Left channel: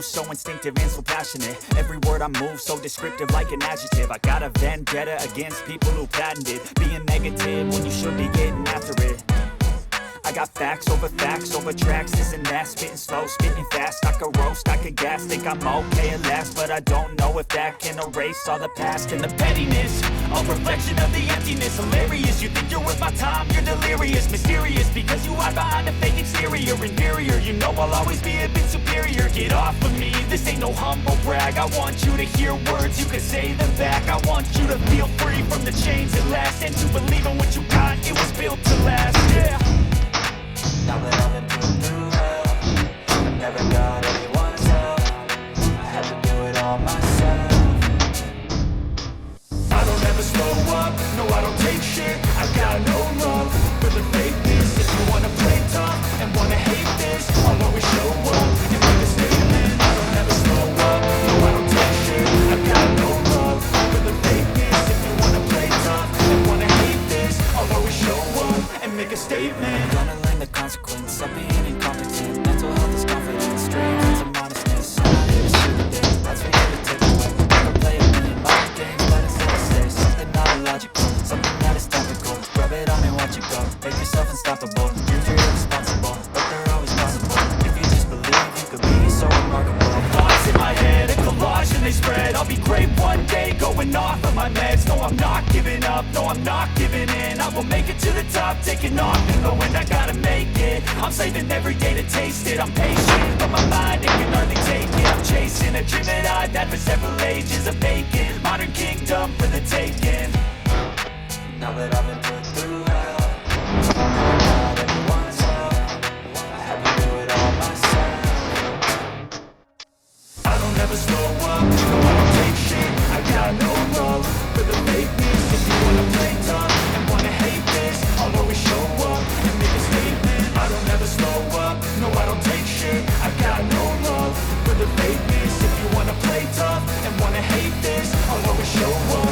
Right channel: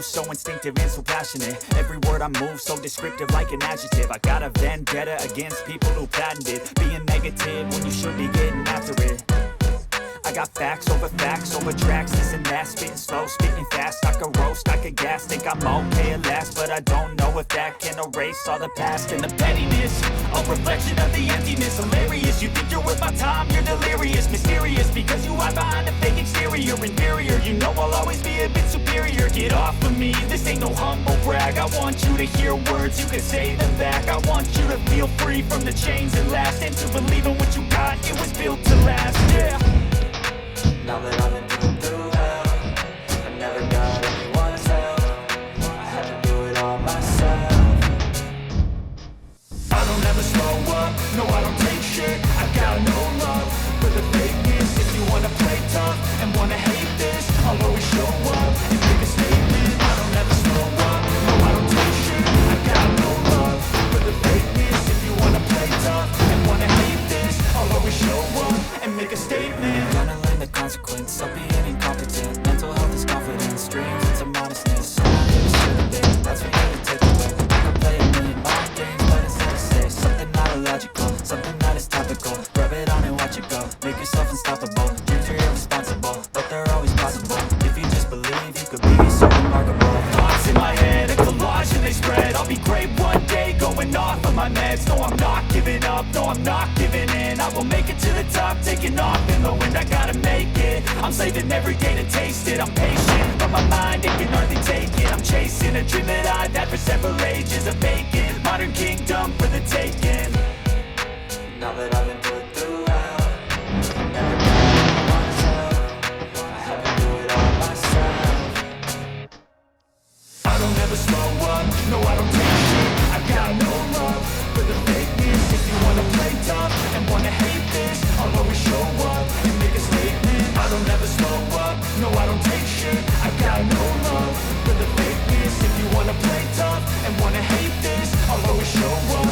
So instinctive and so passionate. Every word I move so descriptive like an adjective. I got a vendetta against people who patented being negative when you should be getting after it. I got facts over tracks, this and that. Spitting slow, spitting fast. I could roast, I could gas. Think I'm okay at last, but I don't know if that can erase all the past. And the pettiness, a reflection of the emptiness. Hilarious, you think you're worth my time, you're delirious. Mysterious, because you hide behind a fake exterior. Inferior, you know I'll always be a bit superior. Get off of me, this ain't no humble brag. I want you to hear words, you can say them back. I want you to feel free from the chains at last, and to believe in what you got, it was built to last, yeah. Now that I've been through hell, I never got anyone's help. I had to do it all myself. I don't ever slow up, no I don't take shit. I got no love for the fakeness. If you wanna play tough and wanna hate this, I'll always show up and make a statement. I don't ever slow up, no I don't take shit. I got no love for the fakeness. If you wanna play tough and wanna hate this, I'll always show up and make a statement. Gonna learn the consequence of being incompetent. Mental health is confidence, dreams and some honestness. I'm not here to shoot the day, that's for you to take away. I could play a million mind games, but instead I say something not illogical, something that is topical. Rub it on and watch it go, make yourself unstoppable. Dreams are irresponsible, but they're always possible. If you just believe, you could be so remarkable. Thoughts in my head, a collage and they spread. I'll be great one day, going off of my meds. No, I'm not giving up, no, I'm not giving in. I will make it to the top, taking off in the wind. I gotta make it, I'm saving every day to taste it. I'm patient, but my mind, it can hardly take it. I'm chasing a dream that I've had for several ages. A vacant, modern kingdom for the taking. Now that I've been put through hell, I never got anyone's help. I had to do it all myself. I don't ever slow up, no I don't take shit. I got no love for the fakeness. If you wanna play tough and wanna hate this, I'll always show up and make a statement. I don't ever slow up, no I don't take shit. I got no love for the fakeness. If you wanna play tough No one